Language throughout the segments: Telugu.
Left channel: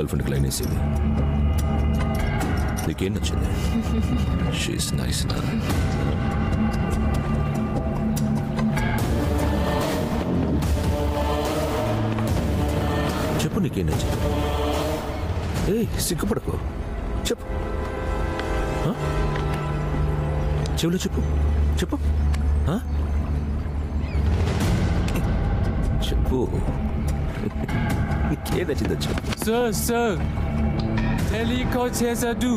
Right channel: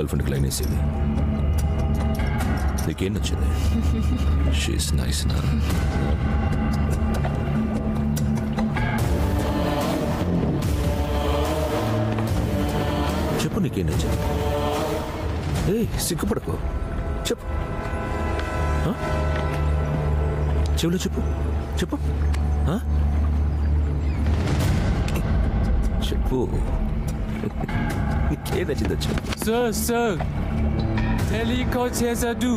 గర్ల్ ఫ్రెండ్కి లైన్ వేసేది. నీకేం నచ్చింది? షీస్ నైస్ నా? చెప్పు నీకేం నచ్చింది? సిగ్గుపడకు, చెప్పు. చెవులో చెప్పు, చెప్పు, చెప్పు. నీకేం నచ్చిందో చెప్పు. సార్ తెలియకొచ్చేసాడు.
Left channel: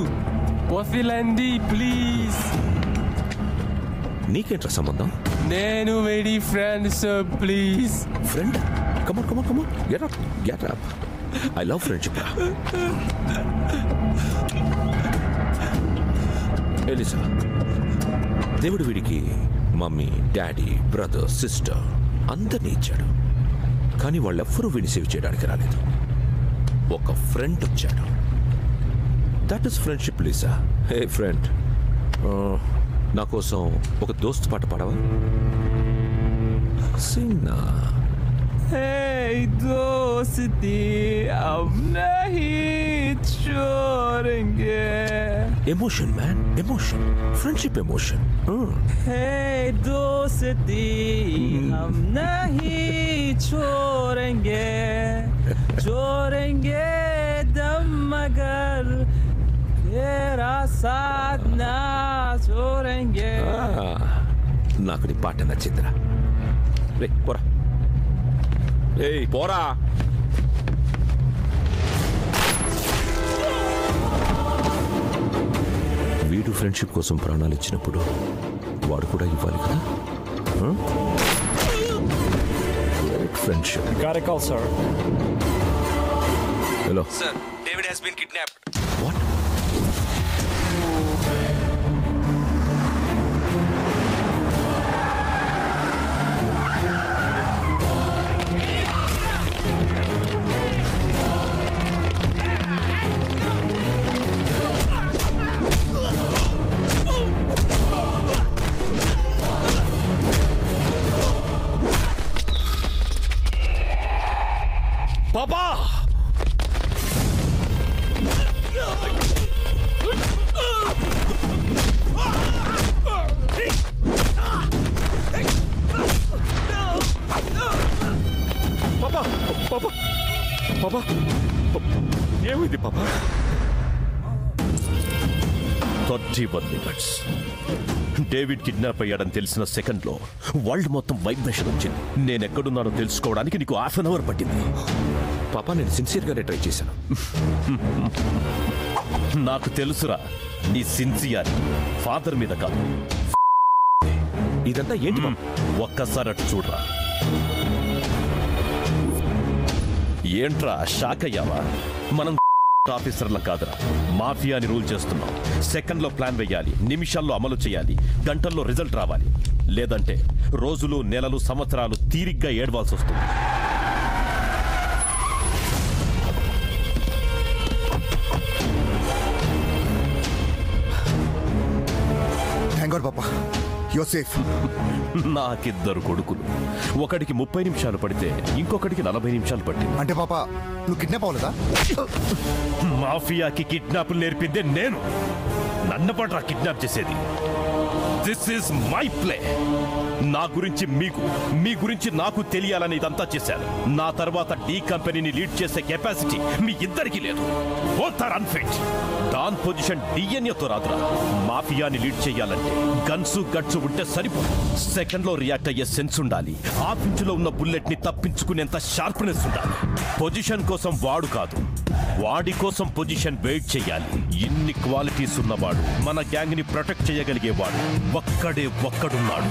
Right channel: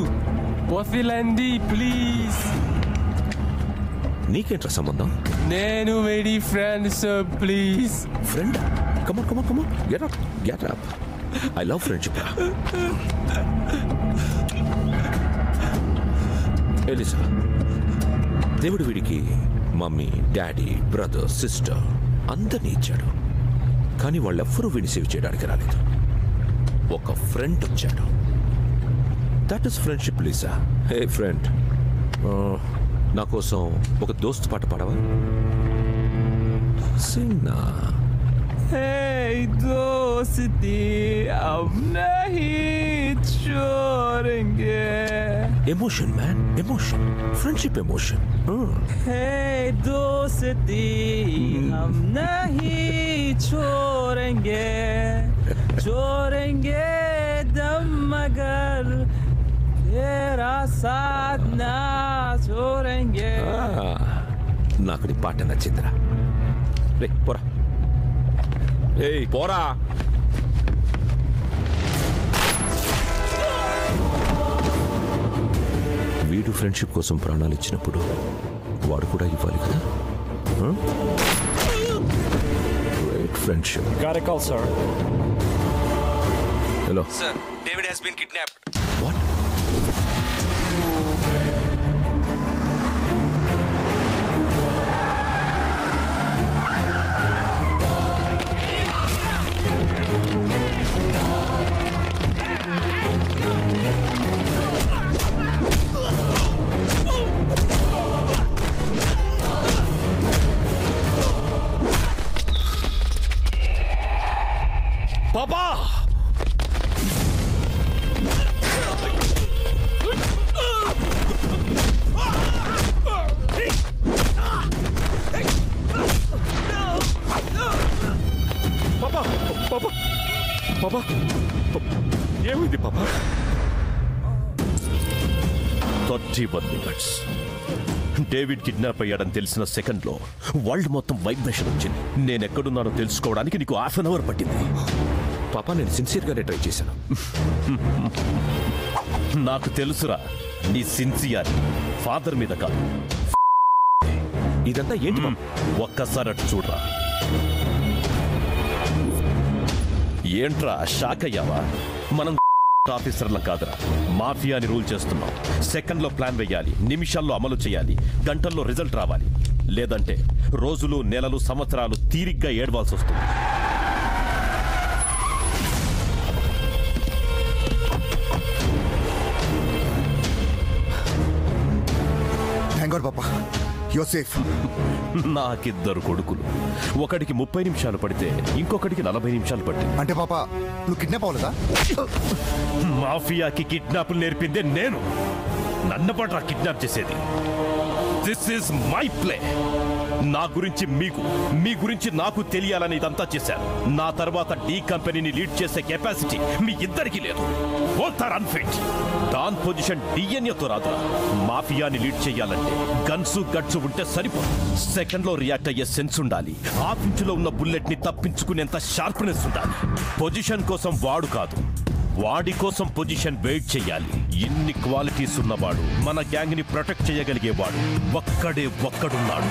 వదిలండి ప్లీజ్. నీకేంట్రా సంబంధం? నేను వేడి friend sir, please. Friend? Come on come on come on, get up, get up. I love friendship రా. ఎలిసా, దేవుడు వీడికి మమ్మీ, డాడీ, బ్రదర్, సిస్టర్ అందరినీ ఇచ్చాడు. కానీ వాళ్ళెవ్వరూ వీడిని సేవ్ చేయడానికి రాలేదు. ఒక ఫ్రెండ్ వచ్చాడు. That is friendship Lisa. Hey friend, నా కోసం ఒక దోస్త్ పాట పాడవా? సింగ్ నా. Hey दोस्ती अब नहीं छोड़ेंगे. Emotion man, emotion, friendship emotion. Hey दोस्ती हम नहीं छोड़ेंगे, छोड़ेंगे दम मगर तेरा साथ ना छोड़ेंगे. నాకు నీ పాట నచ్చిందిరా. రే పోరా, ఏయ్ పోరా. వీడు ఫ్రెండ్షిప్ కోసం ప్రాణాలు ఇచ్చినప్పుడు వాడు కూడా ఇవ్వాలి కదా. Great friendship. Got a call, sir. Hello. Sir, David has been kidnapped. What? Papa! Papa! Papa! ఏమైంది పాపా? 31 minutes. డేవిడ్ కిడ్నాప్ అయ్యాడని తెలిసిన సెకండ్లో వరల్డ్ మొత్తం వైబ్రేషన్ వచ్చింది. నేనెక్కడున్నానో తెలుసుకోవడానికి నీకు హాఫ్ అన్ అవర్ పట్టింది. పాపా, నేను సిన్సియర్గానే ట్రై చేశాను. నాకు తెలుసురా నీ సిన్సియర్ ఫాదర్ మీద కాదు. ఇదంతా ఏంటి? ఒక్కసారి అటు చూడరా. ఏంట్రా షాక్ అయ్యావా? మనం ఆఫీసర్ల కాదురా, మాఫియాని రూల్ చేస్తున్నాం. సెకండ్లో ప్లాన్ వేయాలి, నిమిషాల్లో అమలు చేయాలి, గంటల్లో రిజల్ట్ రావాలి. లేదంటే రోజులు, నెలలు, సంవత్సరాలు తీరిగ్గా ఏడవాల్సి వస్తుంది. థాంక్ గాడ్ పాపా, యు ఆర్ సేఫ్. నాకిద్దరు కొడుకులు. ఒకడికి 30 నిమిషాలు పడితే ఇంకొకటికి 40 నిమిషాలు పట్టింది. అంటే పాపా నువ్వు కిడ్నాప్ అవ్వలేదా? మాఫియాకి కిడ్నాపులు నేర్పిందే నేను. నన్ను పట్రా కిడ్నాప్ చేసేది. This is my play. నా గురించి మీకు, మీ గురించి నాకు తెలియాలని ఇదంతా చేశాను. నా తర్వాత డి కంపెనీని లీడ్ చేసే కెపాసిటీ మీ ఇద్దరికి లేదు. Both are unfit. Don position డిఎన్ఏతో రాదురా. మాఫియాని లీడ్ చేయాలంటే గన్సు గట్సు ఉంటే సరిపోదు. సెకండ్ లో రియాక్ట్ అయ్యే సెన్స్ ఉండాలి. హాఫ్ ఇంచులో ఉన్న బుల్లెట్ ని తప్పించుకునేంత షార్ప్నెస్ ఉండాలి. పొజిషన్ కోసం వాడు కాదు, వాడి కోసం పొజిషన్ వెయిట్ చేయాలి. ఇన్ని క్వాలిటీస్ ఉన్నవాడు, మన గ్యాంగ్ ని ప్రొటెక్ట్ చేయగలిగేవాడు ఒక్కడున్నాడు.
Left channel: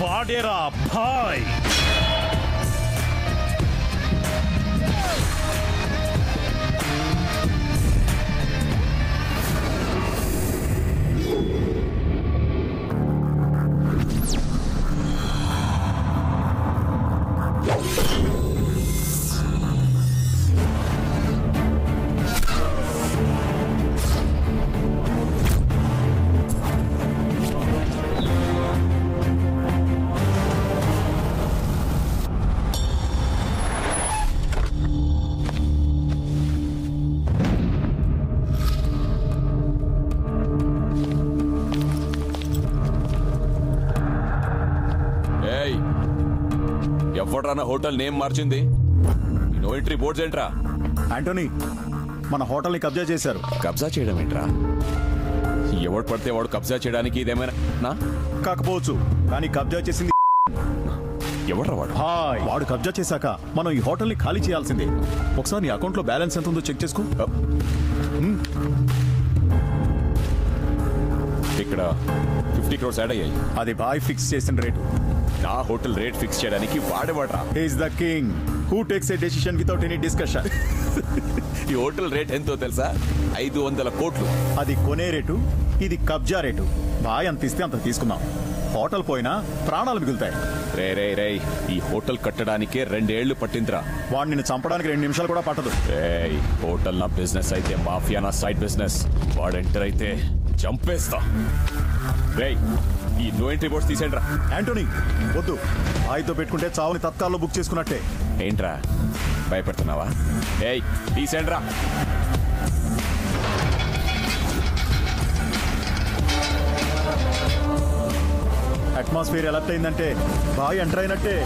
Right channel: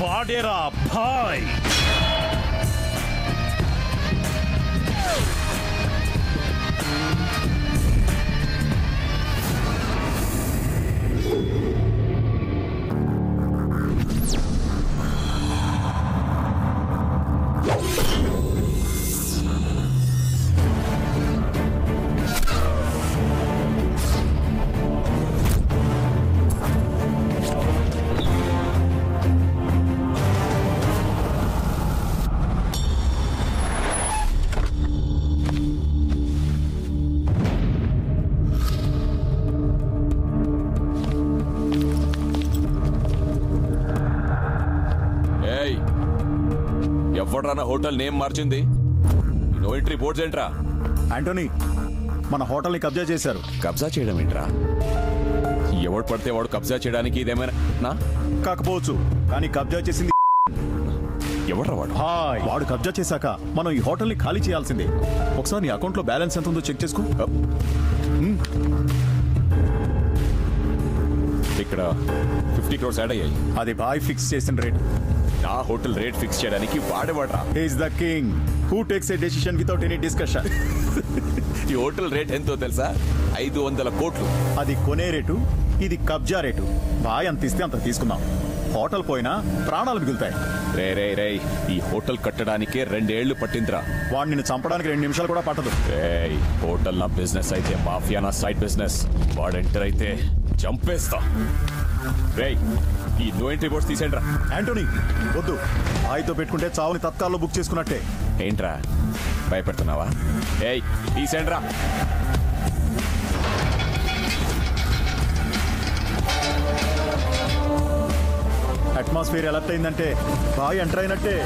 వాడేరా భాయ్. ఎవడ్రా హోటల్ నేమ్ మార్చింది? నో ఎంట్రీ బోర్డ్స్ ఏంట్రా? ఆంటోనీ, మన హోటల్ని కబ్జా చేశారు. కబ్జా చేయడం ఏంట్రా? ఎవడు పడితే వాడు కబ్జా చేయడానికి ఇదేమైనా కాకపోవచ్చు, కానీ కబ్జా చేసింది ఎవడ్రా వాడు? వాడు కబ్జా చేశాక మనం ఈ హోటల్ని ఖాళీ చేయాల్సిందే. ఒకసారి నీ అకౌంట్లో బ్యాలెన్స్ ఎంత ఉందో చెక్ చేసుకో. ఇక్కడ 50 crores యాడ్ అయ్యాయి. అది బాయ్ ఫిక్స్ చేసిన రేటు. నా హోటల్ రేట్ ఫిక్స్ చేయడానికి వాడేవాడ్రా. He is the king who takes a decision without any discussion. ఈ హోటల్ రేట్ ఎంతో తెలుసా? 500 కోట్లు. అది కొనే రేటు, ఇది కబ్జా రేటు. బాయ్ అంత ఇస్తే అంత తీసుకుందాం. హోటల్ పోయినా ప్రాణాలు మిగులుతాయి. రే ఈ హోటల్ కట్టడానికే 2 ఏళ్లు పట్టిందిరా. వాడు నిన్ను చంపడానికి 2 నిమిషాలు కూడా పట్టదు. హోటల్ నా బిజినెస్ అయితే, మాఫియా నా సైడ్ బిజినెస్. వాడు ఎంటర్ అయితే చంపేస్తా. రేయ్, ఈ నో ఎంట్రీ బోర్డ్స్ తీసేండ్రా. యాంటోనీ వద్దు, బాయ్తో పెట్టుకుంటే చావుని తత్కాల్లో బుక్ చేసుకున్నట్టే. ఏంట్రా భయపెడుతున్నావా? తీసేండ్రా. అట్మాస్ఫియర్ ఎలర్ట్ అయిందంటే బాయ్ ఎంటర్ అయినట్టే.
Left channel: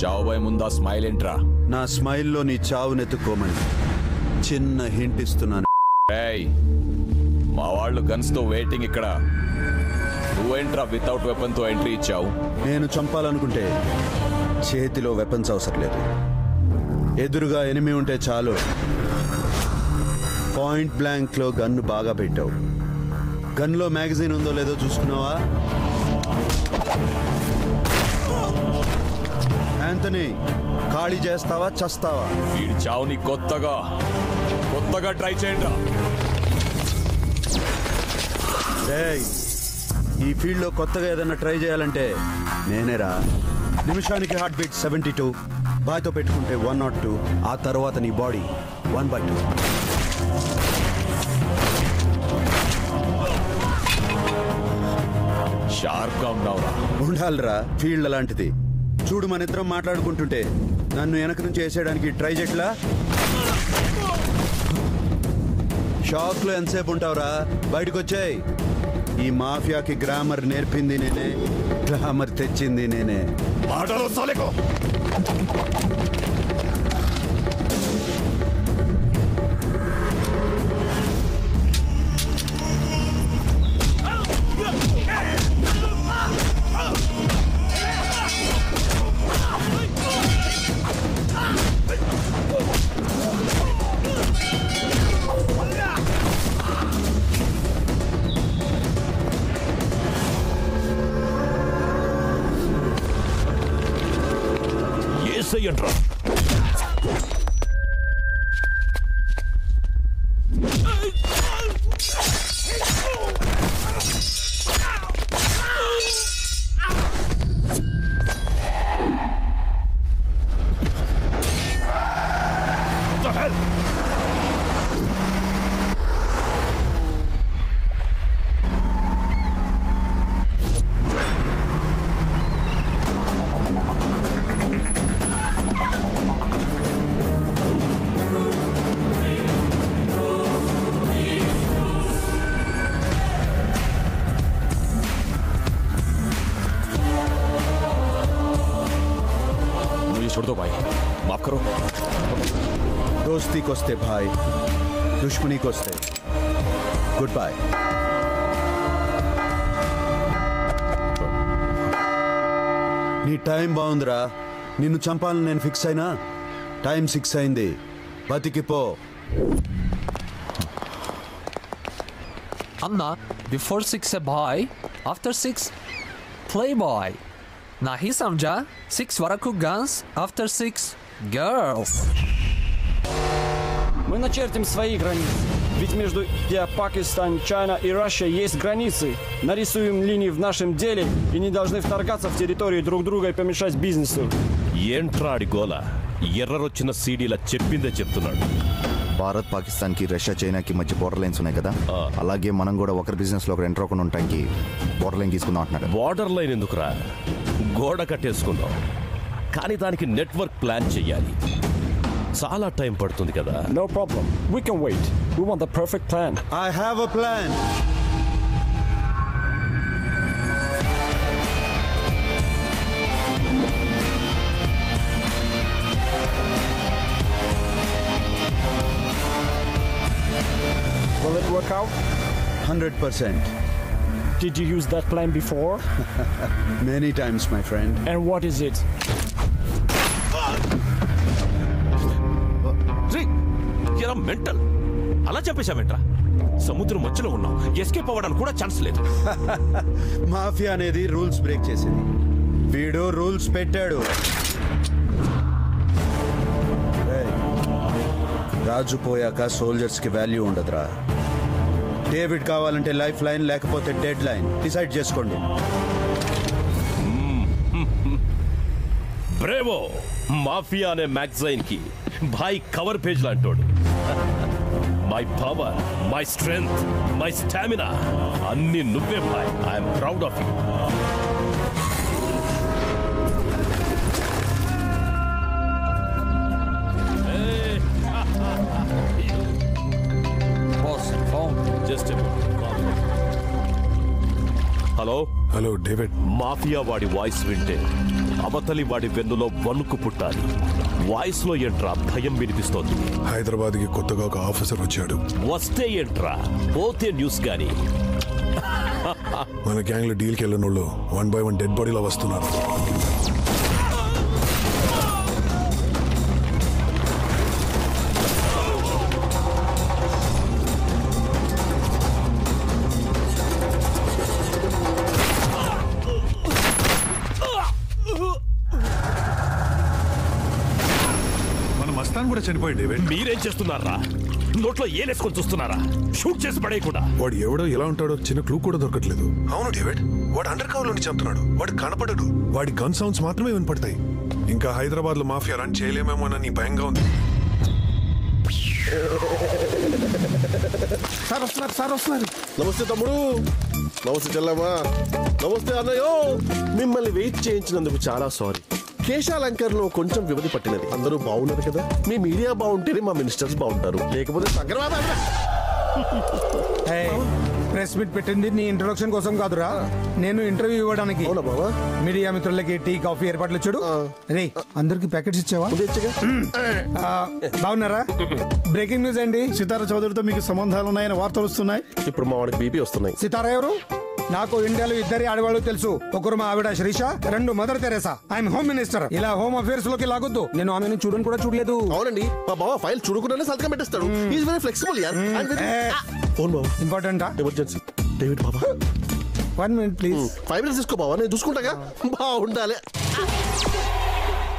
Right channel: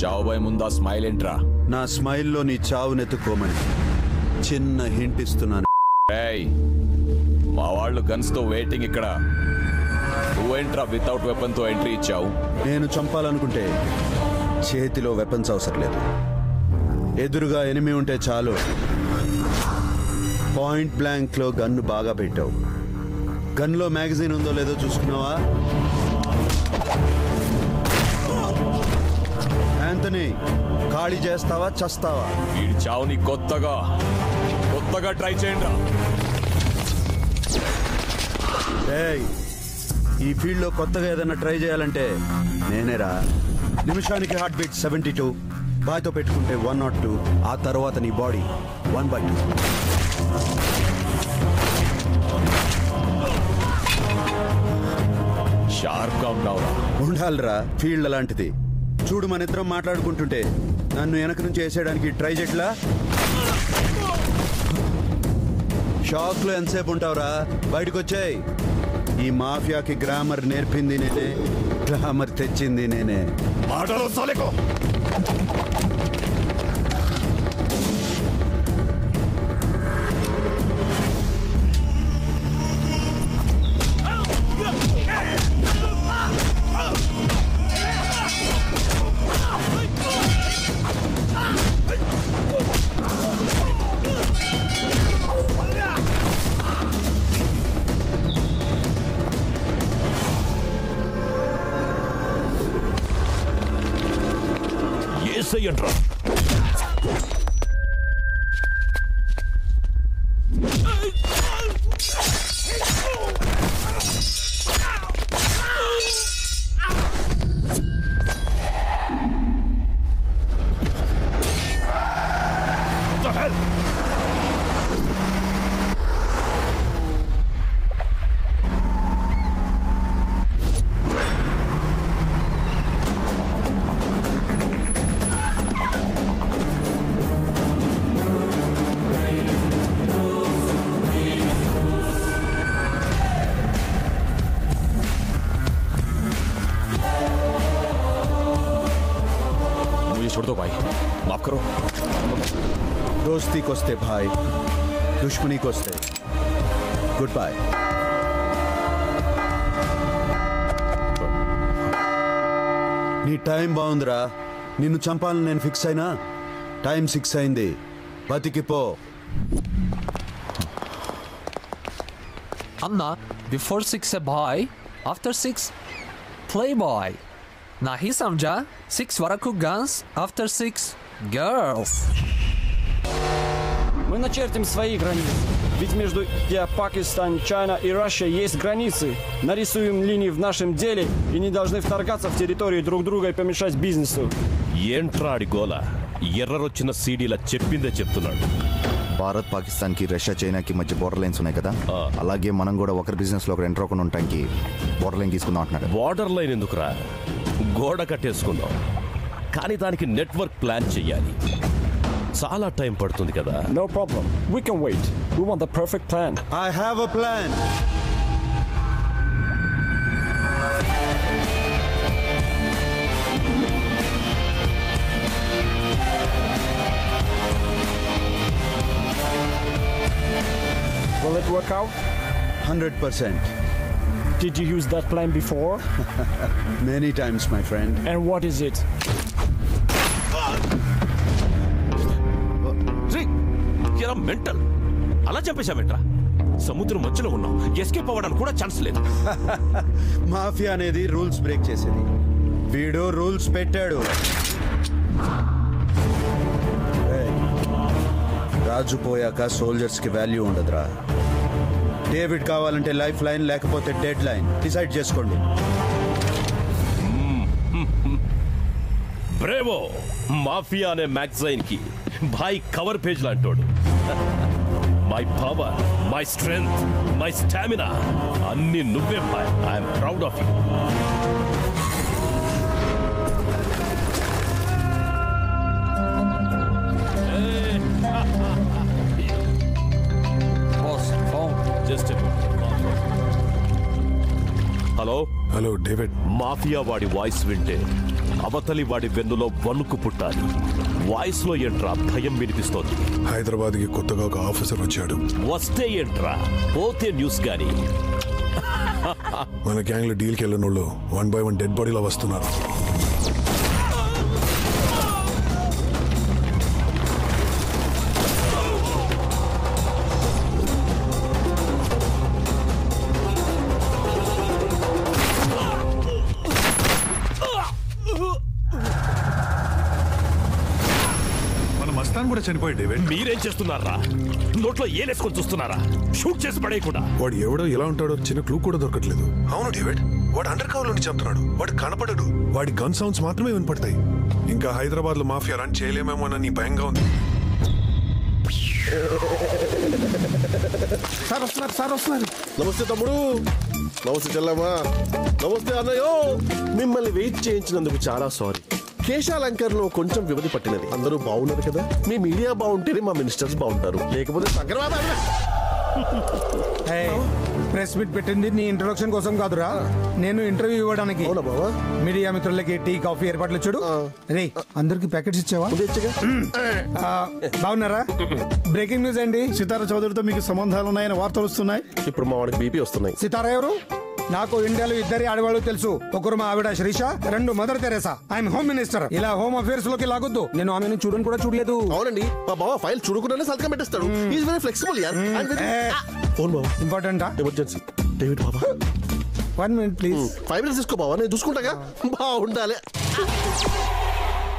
చావుబాయ్ ముందా స్మైల్ ఏంట్రా? నా స్మైల్లో నీ చావునెత్తుకోమని చిన్న హింట్ ఇస్తున్నాను. మా వాళ్ళు గన్స్ తో వెయిటింగ్ ఇక్కడ. నువ్వేంట్రా వితౌట్ వెపన్ తో ఎంట్రీ ఇచ్చావు? నేను చంపాలనుకుంటే చేతిలో వెపన్స్ అవసరం లేదు. ఎదురుగా ఎనిమి ఉంటే చాలు. పాయింట్ బ్లాంక్ లో గన్ను బాగా పెట్టావు. గన్లో మ్యాగజైన్ ఉందో లేదో చూసుకున్నావా? యాంటనీ, ఖాళీ చేస్తావా చస్తావా? వీడి చావుని కొత్తగా ట్రై చేయండిరా. ఈ ఫీల్డ్ లో కొత్తగా ఏదైనా ట్రై చేయాలంటే నేనేరా. నిమిషానికి హార్ట్ బీట్ 72, బాయ్తో పెట్టుకుంటే 102, ఆ తర్వాత నీ బాడీ 1/2. షార్ప్ గా ఉన్నావురా. ఉండాలిరా, ఫీల్డ్ అలాంటిది. చూడు, మన ఇద్దరం మాట్లాడుకుంటుంటే నన్ను వెనక నుంచి వేసేయడానికి ట్రై చేయట్లా. షాక్ లో ఎంతసేపు ఉంటావురా? బయటకు వచ్చాయి. ఈ మాఫియాకి గ్రామర్ నేర్పింది నేనే, గ్లామర్ తెచ్చింది నేనే. మాటలు సాలేకో. ఏసయ్యంట్రా. छोड़ दो भाई, माफ करो. दोस्ती कोस्ते भाई, दुश्मनी कोस्ते गुड बाय. నీ టైం బాగుందిరా. నిన్ను చంపాలని నేను ఫిక్స్ అయినా టైం 6 అయింది. బతికిపో. Anna, before 6 a boy, after 6 playboy. Nahi samjha? 6 varaku guns, after 6 girls. Мы начертим свои границы. Ведь между Пакистан, Чайна и Россия есть границы. Нарисуем линии в нашем деле и не должны вторгаться в территорию друг друга и помешать бизнесу. ఏంట్రాడి గోల ఎర్రరొచ్చిన సీడీలా చెప్పిందే చెప్తున్నాడు. భారత్ పాకిస్తాన్ కి రష్యా చైనాకి మధ్య బోర్డర్ లైన్స్ ఉన్నాయి కదా, అలాగే మనం కూడా ఒకరి బిజినెస్ లో ఒకరు ఎంటర్ అవ్వకుండా ఉండటానికి బోర్డర్ లైన్ తీసుకుందాం అంటున్నాడు. బార్డర్ లైన్ ఎందుకురా, గోడ కట్టేసుకుందాం. కానీ దానికి నెట్వర్క్ ప్లాన్ చెయ్యాలి. చాలా టైం పడుతుంది కదా. No problem. We can wait. We want the perfect plan. I have a plan. Will it work out? 100%. Did you use that plan before? Many times, my friend. And what is it? ఎలా మెంటల్ అలా చెప్పేశావేంట్రా? సముద్రం మధ్యలో ఉన్నాం, ఎస్కేప్ అవ్వడానికి కూడా ఛాన్స్ లేదు. మాఫియా అనేది రూల్స్ బ్రేక్ చేసేది. వీడు రూల్స్ పెట్టాడు. రాజు పోయాక సోల్జర్స్ కి వాల్యూ ఉండదురా. డేవిడ్ కావాలంటే లైఫ్ లైన్, లేకపోతే డెడ్ లైన్. డిసైడ్ చేసుకోండి. బ్రేవో మాఫియా అనే మ్యాగజైన్ కి భాయ్ కవర్ పేజ్ లాంటోడు. My power, my strength, my stamina అన్ని నువ్వే భాయ్. I'm proud of you. Boss, phone. Just hello hello David. Mafia వాడి వాయిస్ వింటే అవతలి వాడి వెన్నులో వణుకు పుట్టాలి. వాయిస్ లో ఏంట్రా భయం వినిపిస్తోంది. హైదరాబాద్ కి కొత్తగా ఒక ఆఫీసర్ వచ్చాడు. వస్తే ఏంట్రా, పోతే న్యూస్ గాని. మన గ్యాంగ్ లో డీల్ కి వెళ్ళిన వాళ్ళు 1 by 1 డెడ్ బాడీలో వస్తున్నారు. మస్తాన్ కూడా చనిపోయి డేవిడ్. మీరేం చేస్తున్నారా? నోట్లో ఏలేసుకొని చూస్తున్నారా? షూట్ చేసి పడేయకుండా. వాడు ఎవడో ఎలా ఉంటాడో చిన్న క్లూ కూడా దొరకట్లేదు. అవును డేవిడ్, వాడు అండర్ కవర్ లోని చంపుతున్నాడు. వాడు కనపడడు. వాడి గన్ సౌండ్స్ మాత్రమే వినపడతాయి. ఇంకా హైదరాబాద్ లో మాఫియా రన్ చేయలేమేమో అని భయంగా ఉంది. సార్ వస్తున్నారు. నమస్తే తమ్ముడు. నమస్తే చెల్లమ్మా. నమస్తే అన్నయ్యో. మిమ్మల్ని వెయిట్ చేయించినందుకు చాలా సారీ. కేశాలంకర్లో కొంచెం వ్యవధి పట్టినది. అందరూ బాగున్నారు కదా? మీ మీడియా బాగుంటేనే మా మినిస్టర్స్ బాగుంటారు, లేకపోతే ప్రెస్ మీట్ పెట్టింది నీ ఇంట్రొడక్షన్ కోసం కాదురా, నేను ఇంటర్వ్యూ ఇవ్వడానికి. అవునా బావా? మీడియా మిత్రులకి టీ కాఫీ ఏర్పాట్లు చూడు. రే అందరికి ప్యాకెట్స్ ఇచ్చావా? బాగున్నారా? బ్రేకింగ్ న్యూస్ అండి. సితారా చౌదరితో మీకు సంబంధాలు ఉన్నాయని వార్తలు వస్తున్నాయి. ఇప్పుడు మా వాడికి బీపీ వస్తున్నాయి. సితారా ఎవరు? నాకు ఇండియాలో 2 ఆడవాళ్ళు తెలుసు. ఒకరు మా ఆవిడ Srisha, 2 mother Teresa. I'm home minister. ఇలా హోమ్ అఫేర్స్ లోకి లాగొద్దు. నేను ఆమెను చూడని కూడా చూడలేదు. అవునండి, మా బావ ఫైల్ చూడకుండానే సంతకం పెట్టేస్తాడు. ఈజ్ వెరీ ఫ్లెక్సిబుల్ యార్. ఫోన్ బావ ఇంపార్టెంటా? ఎమర్జెన్సీ. డేవిడ్ బాబా 1 minute ప్లీజ్. 5 minutes తీసుకో బావా, నేను చూసుకుంటాగా. బాగుండాలి.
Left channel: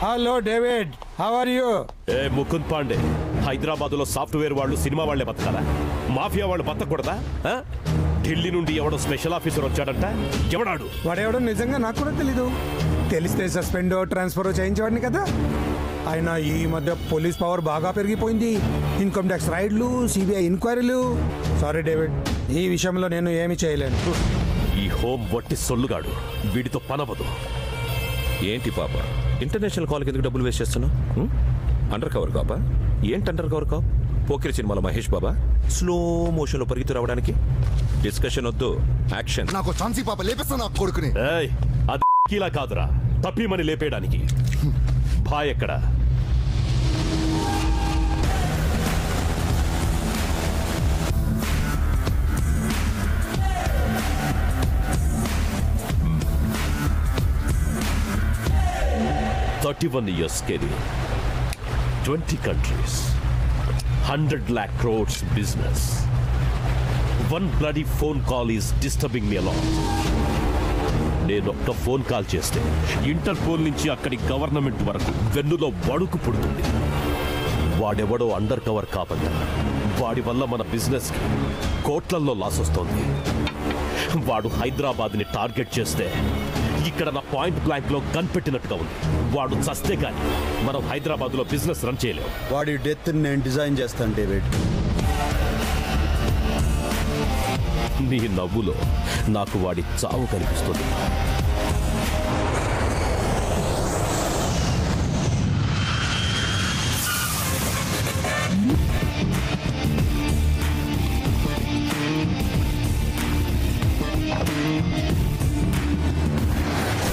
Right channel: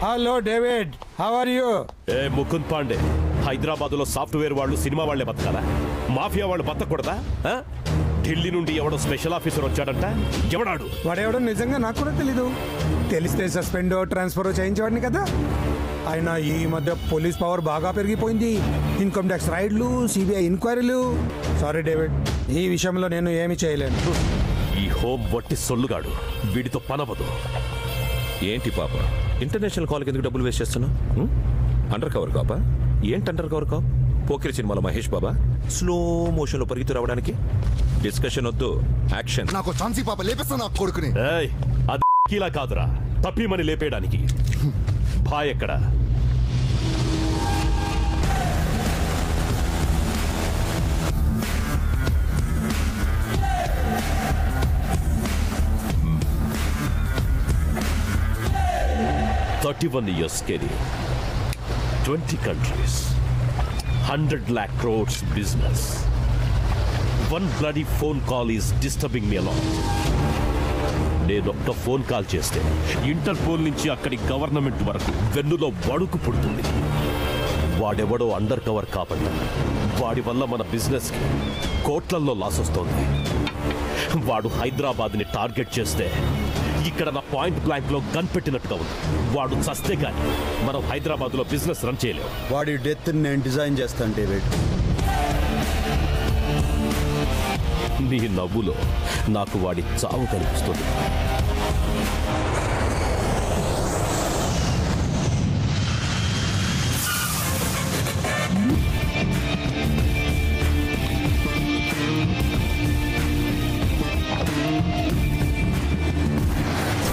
Hello David, how are you? ఏ ముకుంద్ పాండే, హైదరాబాద్ లో సాఫ్ట్వేర్ వాళ్ళు సినిమా వాళ్లే బతకాలా? మాఫియా వాళ్ళు బతకూడదా? ఢిల్లీ నుండి ఎవడో స్పెషల్ ఆఫీసర్ వచ్చాడంట. ఎవడాడు? వాడెవడో నిజంగా నాకు కూడా తెలీదు. తెలిస్తే సస్పెండ్ ట్రాన్స్ఫర్ చేయించేవాడిని కదా. అయినా ఈ మధ్య పోలీస్ పవర్ బాగా పెరిగిపోయింది. ఇన్కమ్ ట్యాక్స్ రైడ్లు, సిబిఐ ఎంక్వైరీలు. సారీ డేవిడ్, ఈ విషయంలో నేను ఏమి చేయలేను. ఈ హోమ్ వట్టి సొల్లుగాడు, వీడితో పనవదు. ఏంటి పాప, ఇంటర్నేషనల్ కాల్కి ఎందుకు డబ్బులు వేస్ట్ చేస్తున్నావు? అండర్ కవర్ కాపా? ఏంటి అండర్ కవర్ కాప్? పోకిరి సినిమాలో మహేష్ బాబా స్లో మోషన్ లో పరిగెత్తు రావడానికి? డిస్కషన్ వద్దు, యాక్షన్. నాకు ఛాన్సీ పాప లేపేస్తా నా కొడుకుని. అది కీలా కాదురా, తప్పిమని లేపేయడానికి. భాయ్ ఎక్కడ? $31 years career, 20 countries, 100 lakh crores business. One bloody phone call is disturbing me a lot. నేను ఒక్క ఫోన్ కాల్ చేస్తే ఇంటర్పోల్ నుంచి అక్కడి గవర్నమెంట్ వరకు వెన్నులో వణుకు పుడుతుంది. వాడెవడో అండర్ కవర్ కాబట్టి వాడి వల్ల మన బిజినెస్ కి కోట్లల్లో లాస్ వస్తోంది. వాడు హైదరాబాద్ని టార్గెట్ చేస్తే ఇక్కడ నా పాయింట్ బ్లాంక్ లో గన్ పెట్టినట్టుగా ఉంది. వాడు చస్తే కానీ మనం హైదరాబాద్ లో బిజినెస్ రన్ చేయలేము. వాడి డెత్ నేను డిజైన్ చేస్తాను డేవిడ్. నీ నవ్వులో నాకు వాడి చావు కనిపిస్తుంది.